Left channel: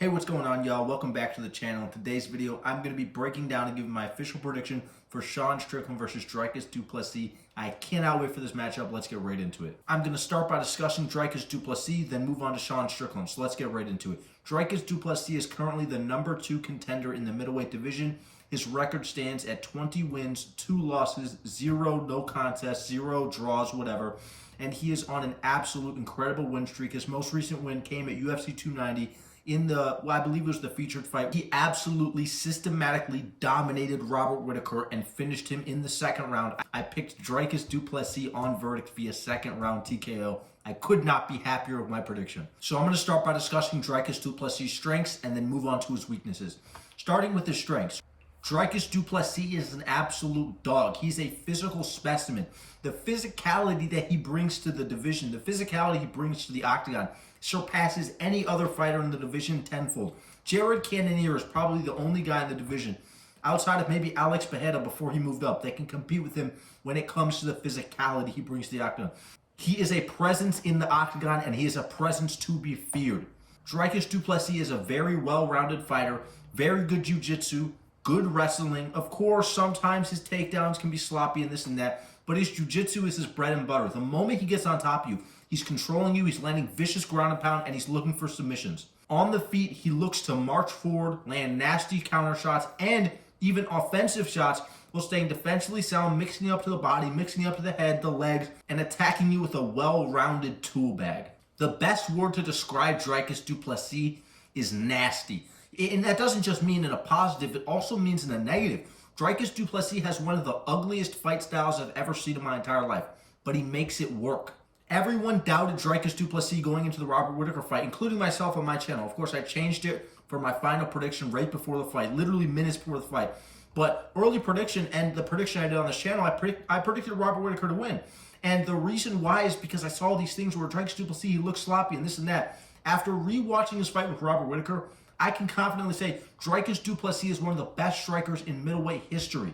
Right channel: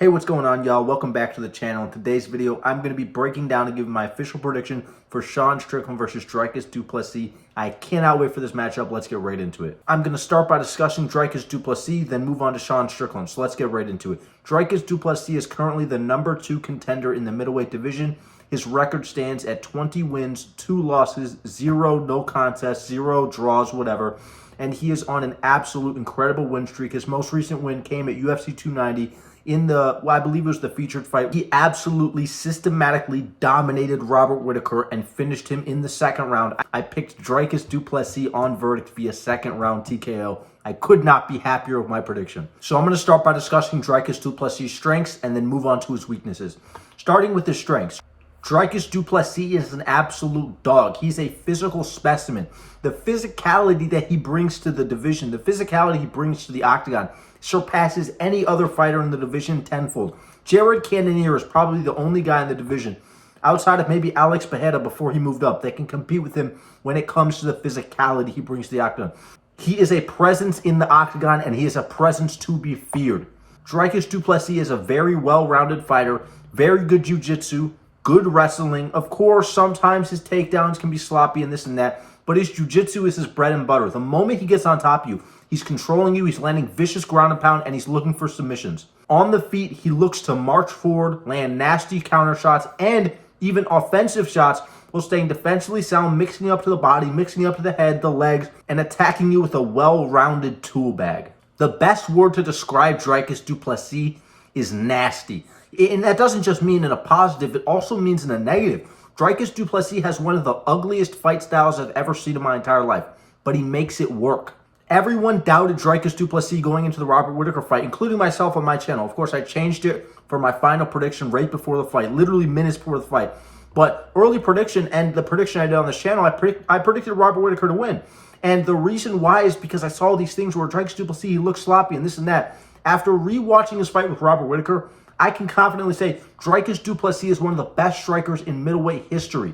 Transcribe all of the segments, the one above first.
Hey, what's going on, y'all? Welcome back to the channel. In today's video, I'm going to be breaking down and giving my official prediction for Sean Strickland versus Dricus Du-Plessis. I cannot wait for this matchup. Let's get right into it. I'm going to start by discussing Dricus Du-Plessis, then move on to Sean Strickland. So let's get right into it. Dricus Du-Plessis is currently the number 2 contender in the middleweight division. His record stands at 20 wins, 2 losses, 0 no contests, 0 draws, whatever. And he is on an absolute incredible win streak. His most recent win came at UFC 290. In the, I believe it was the featured fight. He absolutely systematically dominated Robert Whitaker and finished him in the second round. I picked Dricus Du-Plessis on verdict via second round TKO. I could not be happier with my prediction. So I'm going to start by discussing Dricus Du-Plessis' strengths and then move on to his weaknesses. Starting with his strengths. Dricus Du-Plessis is an absolute dog. He's a physical specimen. The physicality that he brings to the division, the physicality he brings to the octagon, surpasses any other fighter in the division tenfold. Jared Cannonier is probably the only guy in the division, outside of maybe Alex Pereira before he moved up, that can compete with him when it comes to the physicality he brings to the octagon. He is a presence in the octagon, and he is a presence to be feared. Dricus Du-Plessis is a very well-rounded fighter, very good jiu-jitsu, good wrestling. Of course, sometimes his takedowns can be sloppy and this and that, but his jiu-jitsu is his bread and butter. The moment he gets on top of you, he's controlling you, he's landing vicious ground and pound, and he's looking for submissions. On the feet, he looks to march forward, land nasty counter shots, and even offensive shots while staying defensively sound, mixing up to the body, mixing up to the head, the legs, and attacking you with a well-rounded tool bag. The best word to describe Dricus Du-Plessis is nasty. And that doesn't just mean in a positive, it also means in a negative. Dricus Du-Plessis has one of the ugliest fight styles I've ever seen in my entire life, but he makes it work. Everyone doubted Dricus Du-Plessis going into the Robert Whitaker fight, including myself on my channel. Of course, I changed it for my final prediction right before the fight, literally minutes before the fight. But early prediction and the prediction I did on this channel, I predicted Robert Whitaker to win. And the reason why is because I saw these things where Dricus Du-Plessis, he looked sloppy and this and that. After rewatching his fight with Robert Whitaker, I can confidently say Dricus Du-Plessis is one of the best strikers in middleweight history.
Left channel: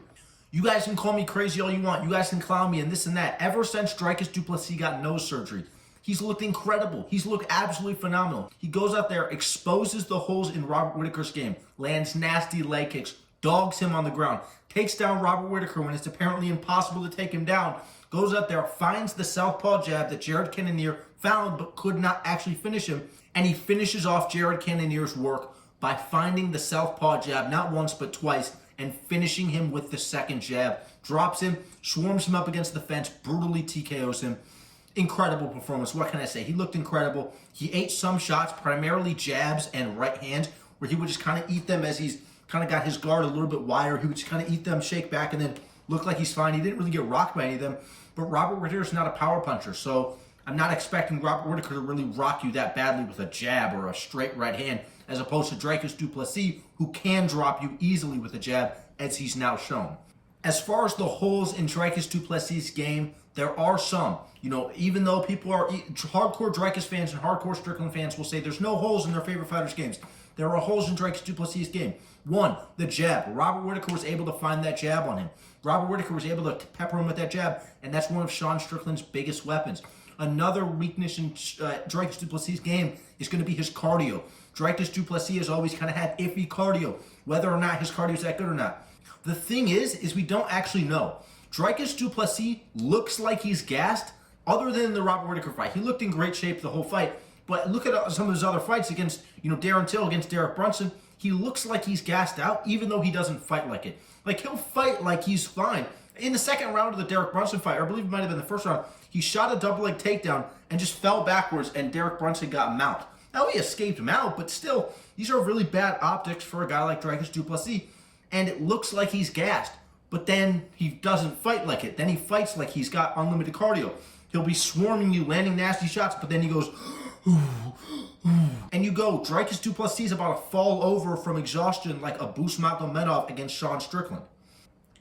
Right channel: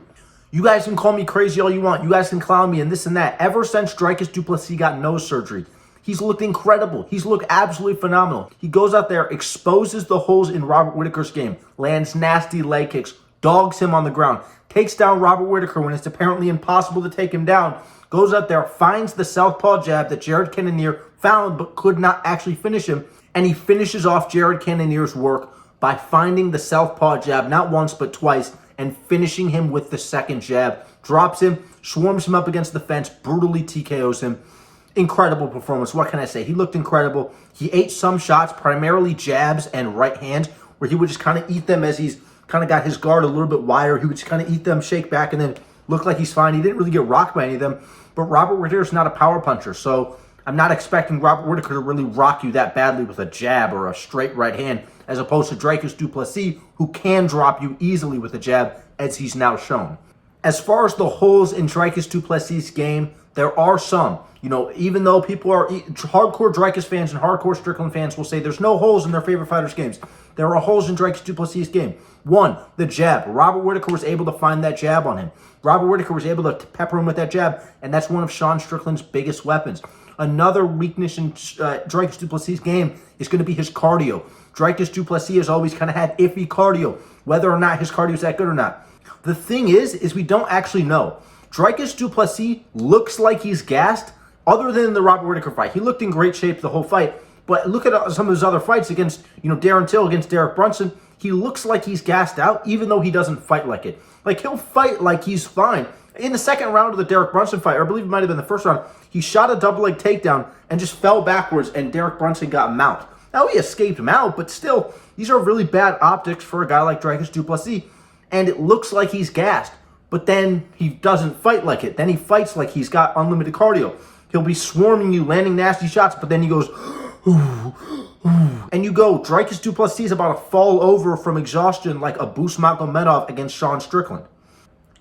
You guys can call me crazy all you want. You guys can clown me and this and that. Ever since Dricus Du-Plessis got nose surgery, he's looked incredible. He's looked absolutely phenomenal. He goes out there, exposes the holes in Robert Whitaker's game, lands nasty leg kicks, dogs him on the ground, takes down Robert Whitaker when it's apparently impossible to take him down, goes out there, finds the southpaw jab that Jared Cannonier found but could not actually finish him, and he finishes off Jared Cannonier's work by finding the southpaw jab not once but twice and finishing him with the second jab. Drops him, swarms him up against the fence, brutally TKOs him. Incredible performance. What can I say? He looked incredible. He ate some shots, primarily jabs and right hands, where he would just kind of eat them as he's kind of got his guard a little bit wider. He would just kind of eat them, shake back, and then look like he's fine. He didn't really get rocked by any of them. But Robert Whitaker's not a power puncher, so I'm not expecting Robert Whitaker to really rock you that badly with a jab or a straight right hand, as opposed to Dricus Du-Plessis, who can drop you easily with a jab, as he's now shown. As far as the holes in Dricus Du-Plessis' game, there are some. You know, even though people are hardcore Dricus fans and hardcore Strickland fans will say there's no holes in their favorite fighters' games, there are holes in Dricus Du-Plessis' game. One, the jab. Robert Whitaker was able to find that jab on him. Robert Whitaker was able to pepper him with that jab, and that's one of Sean Strickland's biggest weapons. Another weakness in Dricus Du-Plessis' game is going to be his cardio. Dricus Du-Plessis has always kind of had iffy cardio, whether or not his cardio is that good or not. The thing is we don't actually know. Dricus Du-Plessis looks like he's gassed, other than the Robert Whitaker fight. He looked in great shape the whole fight, but look at some of his other fights against, Darren Till, against Derek Brunson. He looks like he's gassed out, even though he doesn't fight like it. Like, he'll fight like he's fine. In the second round of the Derek Brunson fight, or I believe it might have been the first round, he shot a double leg takedown and just fell backwards, and Derek Brunson got mount. Now, he escaped mount, but still, these are really bad optics for a guy like Dricus Du-Plessis, and it looks like he's gassed, but then he doesn't fight like it. Then he fights like he's got unlimited cardio. He'll be swarming you, landing nasty shots, but then he goes, and you go, Dricus Du-Plessis is about to fall over from exhaustion like a Bus Magomedov against Sean Strickland.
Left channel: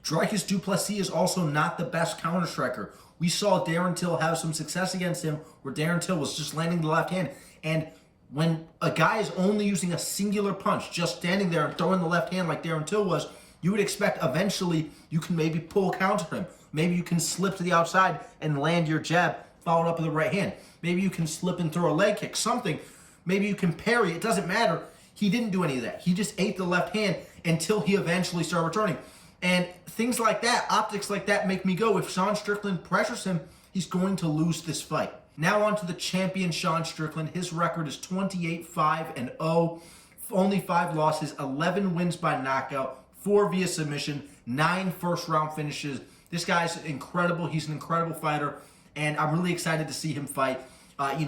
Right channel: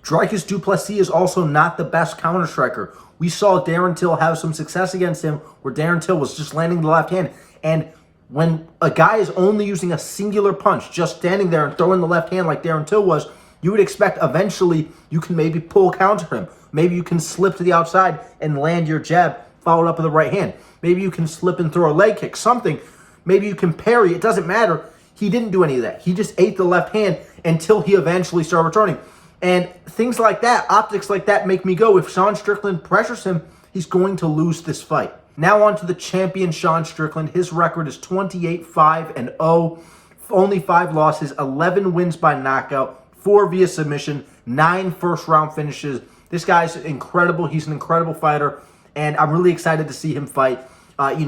Dricus Du-Plessis is also not the best counter striker. We saw Darren Till have some success against him where Darren Till was just landing the left hand, and when a guy is only using a singular punch, just standing there and throwing the left hand like Darren Till was, you would expect eventually you can maybe pull counter him. Maybe you can slip to the outside and land your jab followed up with the right hand. Maybe you can slip and throw a leg kick, something. Maybe you can parry. It doesn't matter. He didn't do any of that. He just ate the left hand until he eventually started returning. And things like that, optics like that, make me go, if Sean Strickland pressures him, he's going to lose this fight. Now on to the champion, Sean Strickland. His record is 28-5-0. Only 5 losses, 11 wins by knockout, 4 via submission, 9 first-round finishes. This guy's incredible. He's an incredible fighter, and I'm really excited to see him fight.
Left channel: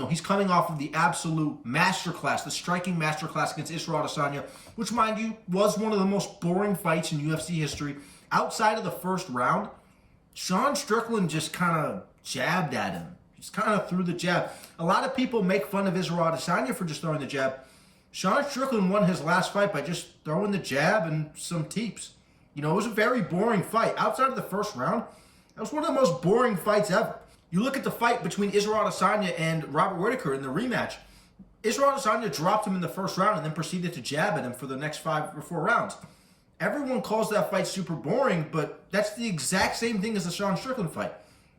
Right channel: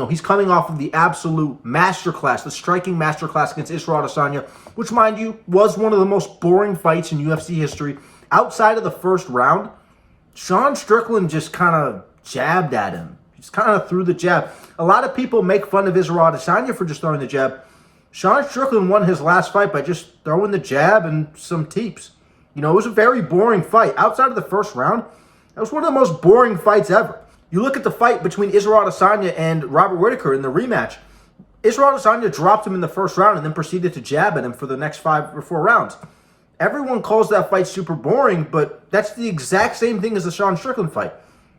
He's coming off of the absolute masterclass, the striking masterclass against Israel Adesanya, which, mind you, was one of the most boring fights in UFC history. Outside of the first round, Sean Strickland just kind of jabbed at him. Just kind of threw the jab. A lot of people make fun of Israel Adesanya for just throwing the jab. Sean Strickland won his last fight by just throwing the jab and some teeps. It was a very boring fight. Outside of the first round, that was one of the most boring fights ever. You look at the fight between Israel Adesanya and Robert Whittaker in the rematch. Israel Adesanya dropped him in the first round and then proceeded to jab at him for the next 5 or 4 rounds. Everyone calls that fight super boring, but that's the exact same thing as the Sean Strickland fight.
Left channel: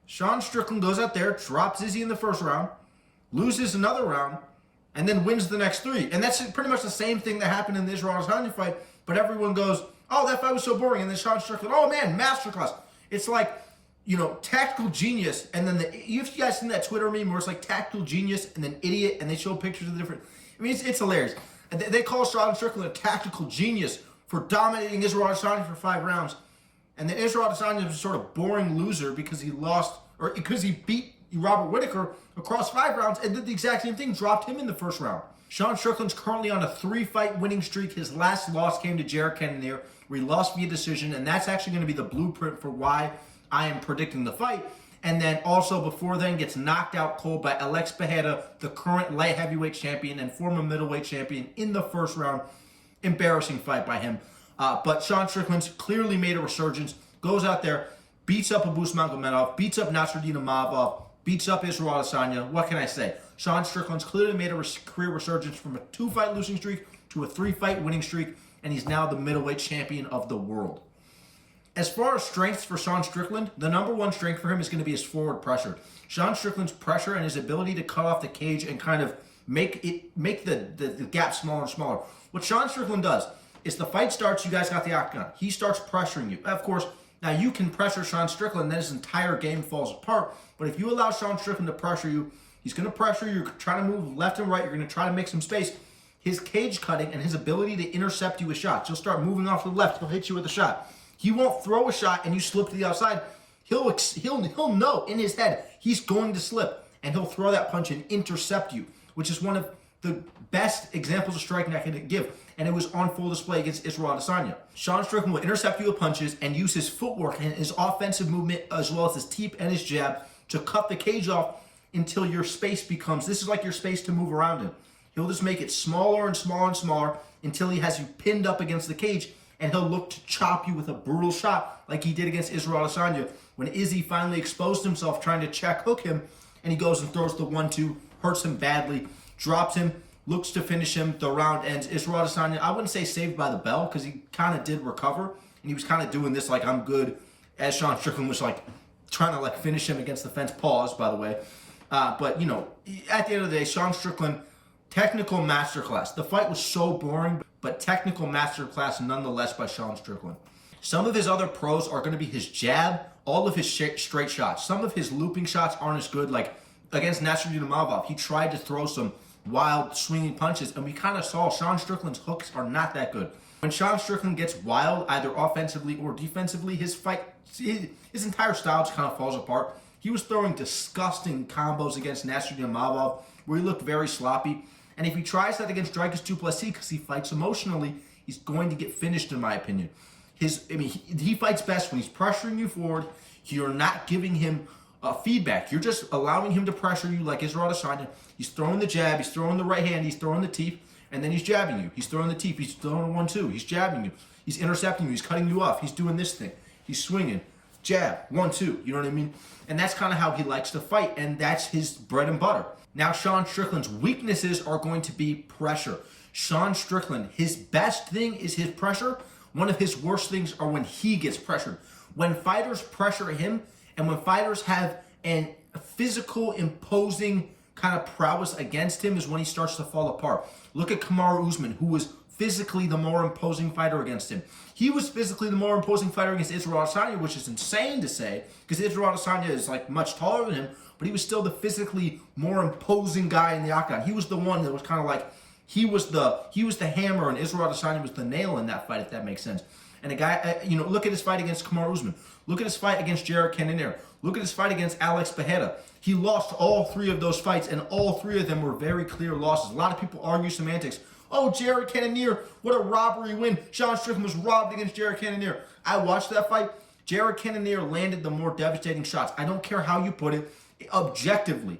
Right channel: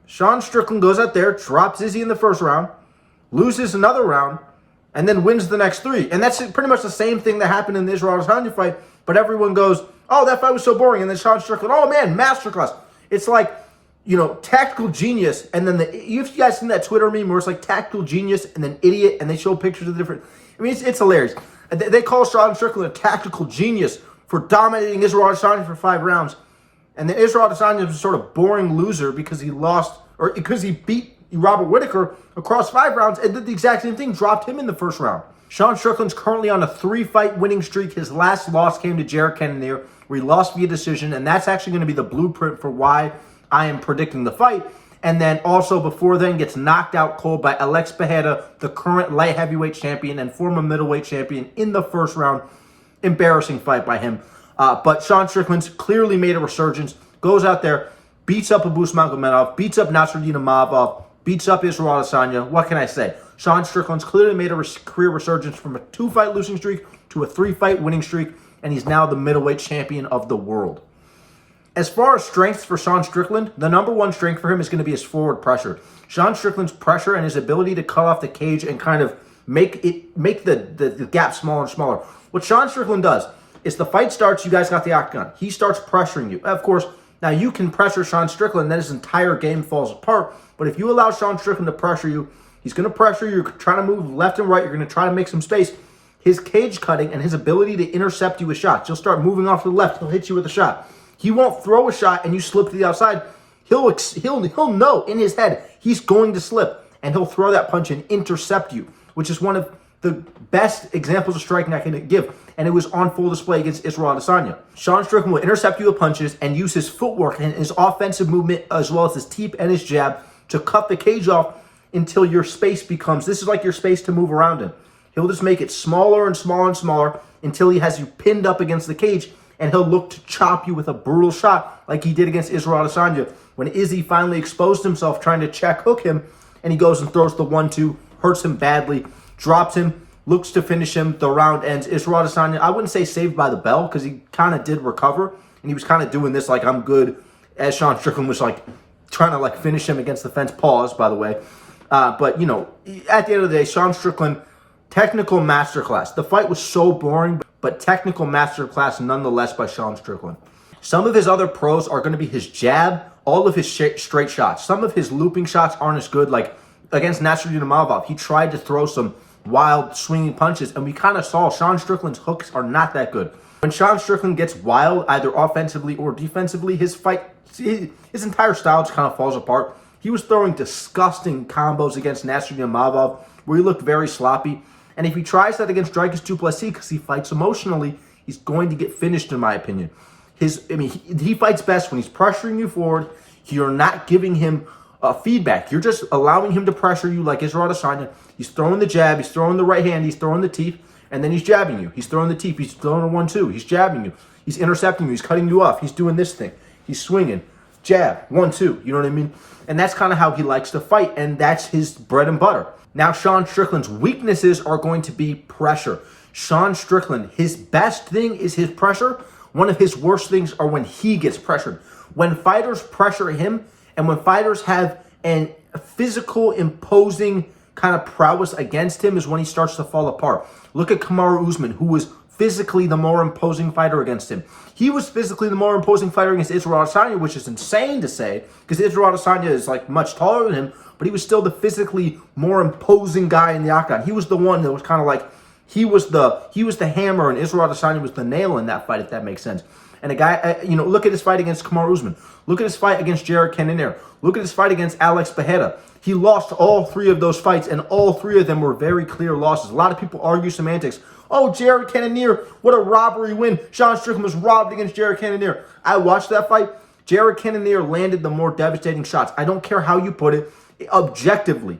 Sean Strickland goes out there, drops Izzy in the first round, loses another round, and then wins the next 3. And that's pretty much the same thing that happened in the Israel Adesanya fight, but everyone goes, oh, that fight was so boring. And then Sean Strickland, oh man, masterclass. It's like, tactical genius, and then you guys seen that Twitter meme where it's like tactical genius and then idiot, and they show pictures of different. It's hilarious. They call Sean Strickland a tactical genius for dominating Israel Adesanya for 5 rounds, and then Israel Adesanya was a sort of boring loser because he lost, or because he beat Robert Whittaker across 5 rounds and did the exact same thing, dropped him in the first round. Sean Strickland's currently on a 3-fight winning streak. His last loss came to Jared Cannonier, where he lost via decision, and that's actually going to be the blueprint for why I am predicting the fight. And then also before then gets knocked out cold by Alex Pereira, the current light heavyweight champion and former middleweight champion, in the first round. Embarrassing fight by him. But Sean Strickland's clearly made a resurgence, goes out there, beats up Abus Magomedov, beats up Nasruddin Imavov, beats up Israel Adesanya. What can I say? Sean Strickland's clearly made a career resurgence from a 2-fight losing streak to a 3-fight winning streak, and he's now the middleweight champion of the world. As far as strengths for Sean Strickland, the number 1 strength for him is going to be his forward pressure. Sean Strickland's pressure and his ability to cut off the cage and kind of make the gap smaller and smaller. What Sean Strickland does is the fight starts, you guys got the octagon. He starts pressuring you. Of course, now you can pressure Sean Strickland, then his entire game falls apart. But if you allow Sean Strickland to pressure you, he's going to pressure you. You're trying to move left and right. You're going to try to make some space. His cage cutting and his ability to intercept you with shots. He'll start moving off to the left. He'll hit you with a shot. He won't throw a shot and you slip to the outside. He'll know in his head he's going to slip, and he'll throw that punch and intercept you, which is one of the best examples of striking I can give. And it was on full display against Israel Adesanya. Sean Strickland will intercept you with punches and use his footwork and his offensive movement, as well as his teep and his jab, to cut the cage off until your space becomes, this is like your space to move around in. He'll just make it smaller and smaller and smaller until he has you pinned up against the cage, and he'll look to chop you with a brutal shot like he did against Israel Adesanya when Izzy finally exposed himself trying to check hook him, and he goes and throws the 1-2, hurts him badly, drops him, looks to finish him. The round ends. Israel Adesanya, I wouldn't say saved by the bell, because he kind of did recover, and he was kind of doing this like, I'm good, as Sean Strickland was like trying to like finish him against the fence. Pause, by the way. But, at the end of the day, Sean Strickland, technical masterclass. The fight was so boring, but technical masterclass nonetheless by Sean Strickland. Some of his other pros are going to be his jab, all of his straight shots. Some of his looping shots aren't as good. Like against Nasruddin Imavov, he tried to throw some wild swinging punches, and we kind of saw Sean Strickland's hooks are not that good. When Sean Strickland gets wild, either offensively or defensively, his entire style just kind of falls apart. He was throwing disgusting combos against Nasruddin Imavov where he looked very sloppy. And if he tries that against Dricus Du-Plessis, because he fights emotionally, he's going to get finished, in my opinion. He fights best when he's pressuring you forward. You're not giving him feedback. You're just allowing him to pressure you like Israel Adesanya. He's throwing the jab, he's throwing the right hand, he's throwing the teep, and then he's jabbing you. He's throwing the teep, he's throwing a 1-2, he's jabbing you. He's intercepting you, he's cutting you off, he's doing this thing. He's swinging, jab, 1-2, you know what I mean? And that's kind of how he likes to fight, and that's his bread and butter. Now, Sean Strickland's weaknesses are going to be pressure. Sean Strickland, his best thing is his pressure. One of his worst things are when he gets pressured. When fighters pressure him, and when fighters have a physical, imposing kind of prowess against him is when he starts to fall apart. Look at Kamaru Usman, who was physically the more imposing fighter against him. He was physically the more imposing fighter against Israel Adesanya, which is insane to say, because Israel Adesanya is like much taller than him, but he was still the physically more imposing guy in the octagon. He was the one that was kind of like, he was the hammer, and Israel Adesanya was the nail in that fight, if that makes sense. And a guy, look at his fight against Kamaru Usman. Look at his fight against Jared Cannonier. Look at his fight against Alex Pereira. He lost all 3 of those fights, and all 3 of them were very clear losses. A lot of people argue semantics. Oh, Jared Cannonier, what a robbery win. Sean Strickland was robbed against Jared Cannonier. I watched that fight. Jared Cannonier landed the more devastating shots. I don't care how you put it. Objectively,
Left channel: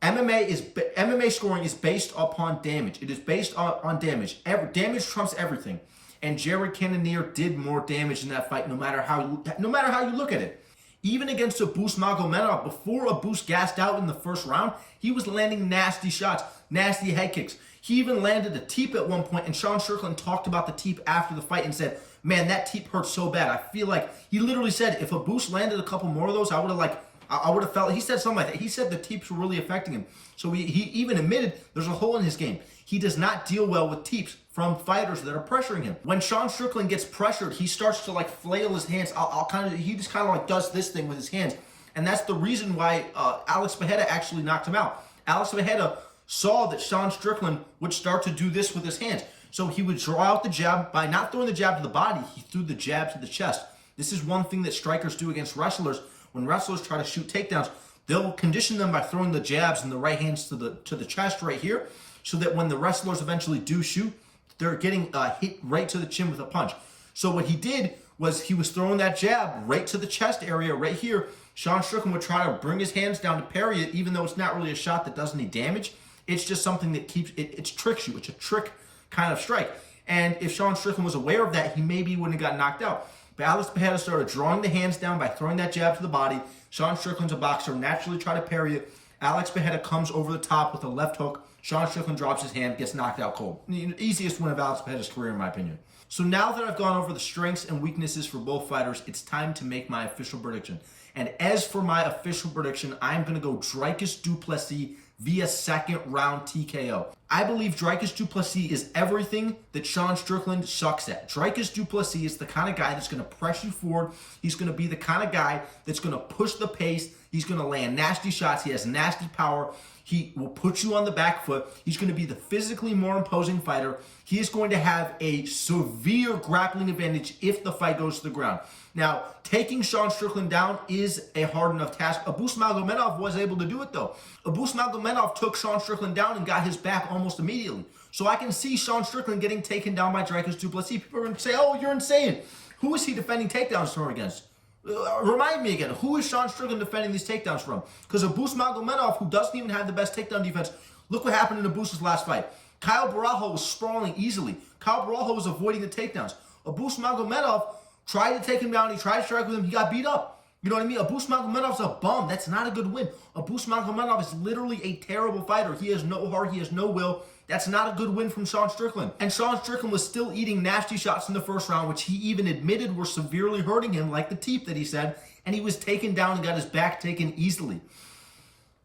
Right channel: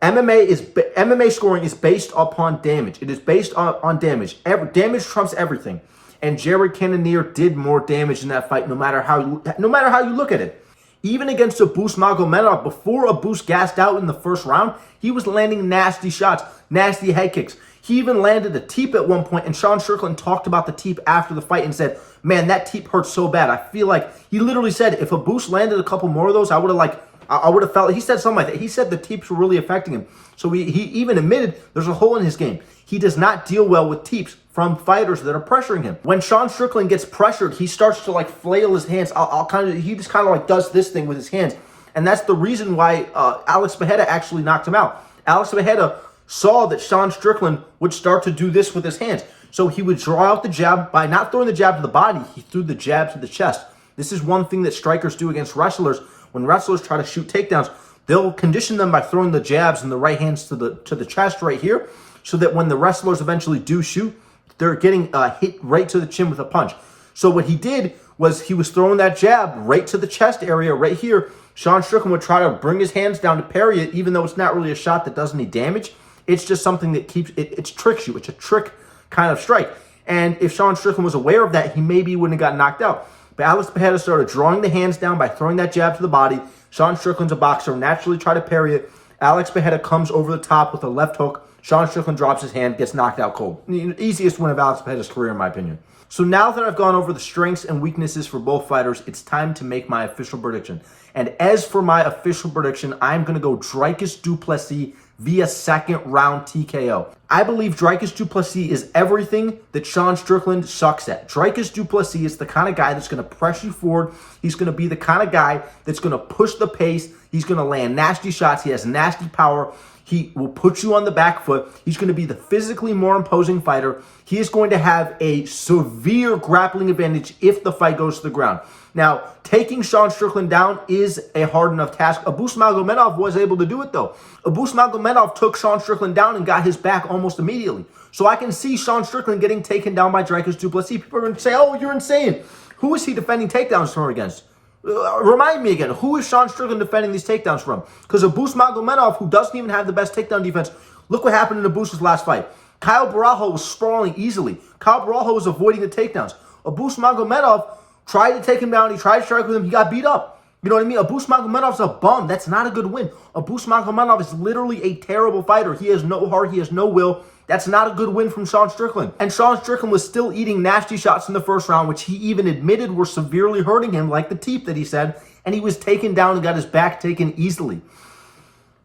MMA scoring is based upon damage. It is based on damage. Damage trumps everything. And Jared Cannonier did more damage in that fight, no matter how you look at it. Even against Abus Magomedov, before Abus gassed out in the first round, he was landing nasty shots, nasty head kicks. He even landed a teep at one point, and Sean Strickland talked about the teep after the fight and said, man, that teep hurt so bad. I feel like, he literally said, if Abus landed a couple more of those, I would have felt, he said something like that. He said the teeps were really affecting him. So he even admitted there's a hole in his game. He does not deal well with teeps from fighters that are pressuring him. When Sean Strickland gets pressured, he starts to like flail his hands. He just kind of like does this thing with his hands. And that's the reason why Alex Pereira actually knocked him out. Alex Pereira saw that Sean Strickland would start to do this with his hands. So he would draw out the jab. By not throwing the jab to the body, he threw the jab to the chest. This is one thing that strikers do against wrestlers. When wrestlers try to shoot takedowns, they'll condition them by throwing the jabs and the right hands to the chest right here, so that when the wrestlers eventually do shoot, they're getting hit right to the chin with a punch. So what he did was he was throwing that jab right to the chest area right here. Sean Strickland would try to bring his hands down to parry it, even though it's not really a shot that does any damage. It's just something that it tricks you. It's a trick kind of strike. And if Sean Strickland was aware of that, he maybe wouldn't have got knocked out. But Alex Pereira started drawing the hands down by throwing that jab to the body. Sean Strickland's a boxer, naturally try to parry it. Alex Pereira comes over the top with a left hook. Sean Strickland drops his hand, gets knocked out cold. The easiest win of Alex Pereira's career, in my opinion. So now that I've gone over the strengths and weaknesses for both fighters, it's time to make my official prediction. And as for my official prediction, I'm going to go Dricus Du-Plessis via second round TKO. I believe Dricus Du-Plessis is everything that Sean Strickland sucks at. Dricus Du-Plessis is the kind of guy that's going to press you forward. He's going to be the kind of guy that's going to push the pace. He's going to land nasty shots. He has nasty power. He will put you on the back foot. He's going to be the physically more imposing fighter. He is going to have a severe grappling advantage if the fight goes to the ground. Now, taking Sean Strickland down is a hard enough task. Abus Magomedov was able to do it, though. Abus Magomedov took Sean Strickland down and got his back almost immediately. So I can see Sean Strickland getting taken down by Dricus Du-Plessis. People are going to say, oh, you're insane. Who is he defending takedowns from against? Remind me again, who is Sean Strickland defending these takedowns from? Because Abus Magomedov, who doesn't even have the best takedown defense, look what happened in Abus's last fight. Kyle Barajo was sprawling easily. Kyle Barajo was avoiding the takedowns. Abus Magomedov tried to take him down. He tried to strike with him. He got beat up. You know what I mean? Abus Magomedov's a bum. That's not a good win. Abus Magomedov is literally a terrible fighter. He has no heart. He has no will. That's not a good win from Sean Strickland. And Sean Strickland was still eating nasty shots in the first round, which he even admitted were severely hurting him, like the teep that he said, and he was taken down and got his back taken easily.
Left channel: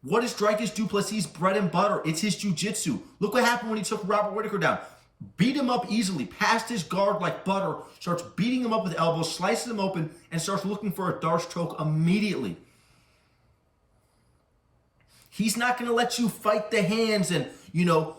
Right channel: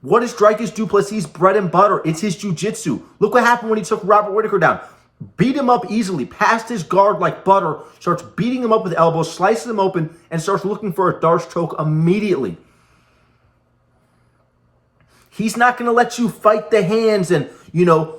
What is Dricus Du-Plessis' bread and butter? It's his jiu-jitsu. Look what happened when he took Robert Whittaker down. Beat him up easily, passed his guard like butter, starts beating him up with elbows, slices him open, and starts looking for a Darce choke immediately. He's not going to let you fight the hands and,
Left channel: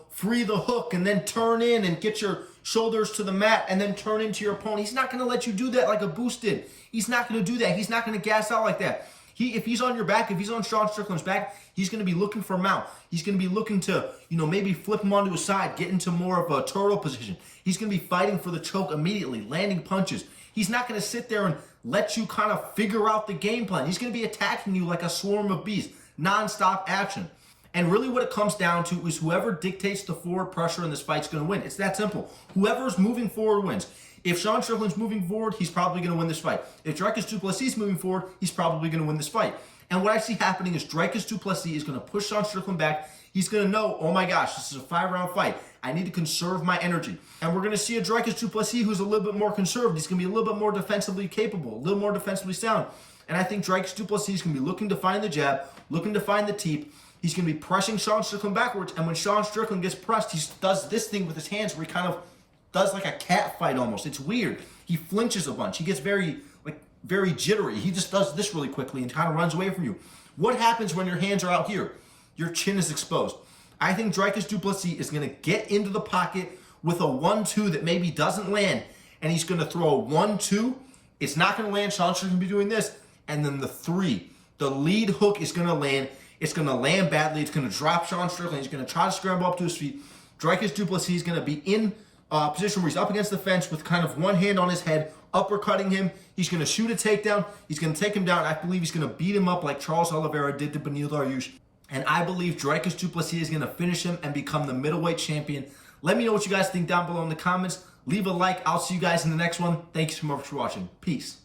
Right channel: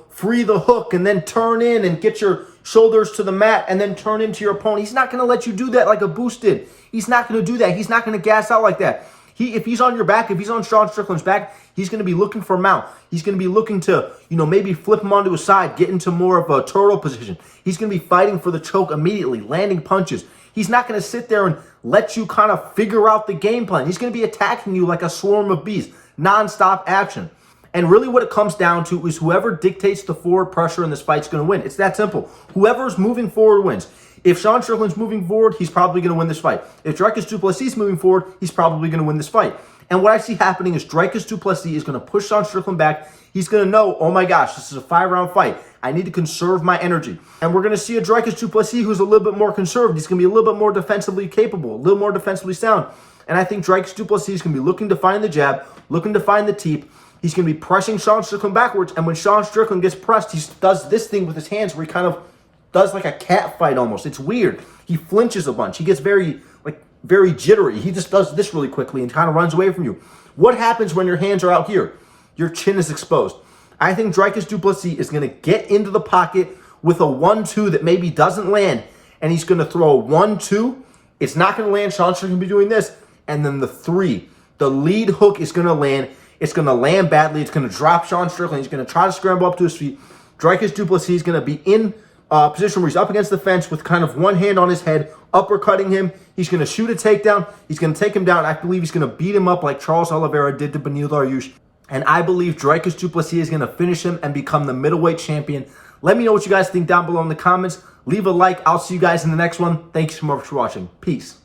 free the hook and then turn in and get your shoulders to the mat and then turn into your opponent. He's not going to let you do that like Abus did. He's not going to do that. He's not going to gas out like that. If he's on your back, if he's on Sean Strickland's back, he's going to be looking for a mount. He's going to be looking to, maybe flip him onto his side, get into more of a turtle position. He's going to be fighting for the choke immediately, landing punches. He's not going to sit there and let you kind of figure out the game plan. He's going to be attacking you like a swarm of bees, nonstop action. And really what it comes down to is whoever dictates the forward pressure in this fight is going to win. It's that simple. Whoever's moving forward wins. If Sean Strickland's moving forward, he's probably going to win this fight. If Dricus Du-Plessis is moving forward, he's probably going to win this fight. And what I see happening is Dricus Du-Plessis is going to push Sean Strickland back. He's going to know, oh my gosh, this is a 5-round fight. I need to conserve my energy. And we're going to see a Dricus Du-Plessis who's a little bit more conserved. He's going to be a little bit more defensively capable, a little more defensively sound. And I think Dricus Du-Plessis is going to be looking to find the jab, looking to find the teep. He's going to be pressing Sean Strickland backwards, and when Sean Strickland gets pressed, he does this thing with his hands where he kind of does like a cat fight almost. It's weird. He flinches a bunch. He gets very jittery. He just does this really quickly and kind of runs away from you. What happens when your hands are out here? Your chin is exposed. I think Dricus Du-Plessis is going to get into the pocket with a 1-2 that maybe doesn't land, and he's going to throw a 1-2. It's not going to land. Sean Strickland will be doing this, and then the 3. The lead hook is going to land. It's going to land badly. It's going to drop Sean Strickland. He's going to try to scramble up to his feet. Dricus Du-Plessis is going to be in position where he's up against the fence with kind of one hand on his head, uppercutting him. He's going to shoot a takedown. He's going to take him down. I believe he's going to beat him up like Charles Oliveira did to Beneil Dariush. And I believe Dricus Du-Plessis is going to finish him and become the middleweight champion. Let me know what you guys think down below in the comments. Leave a like. I'll see you guys in the next one. Thank you so much for watching. Peace.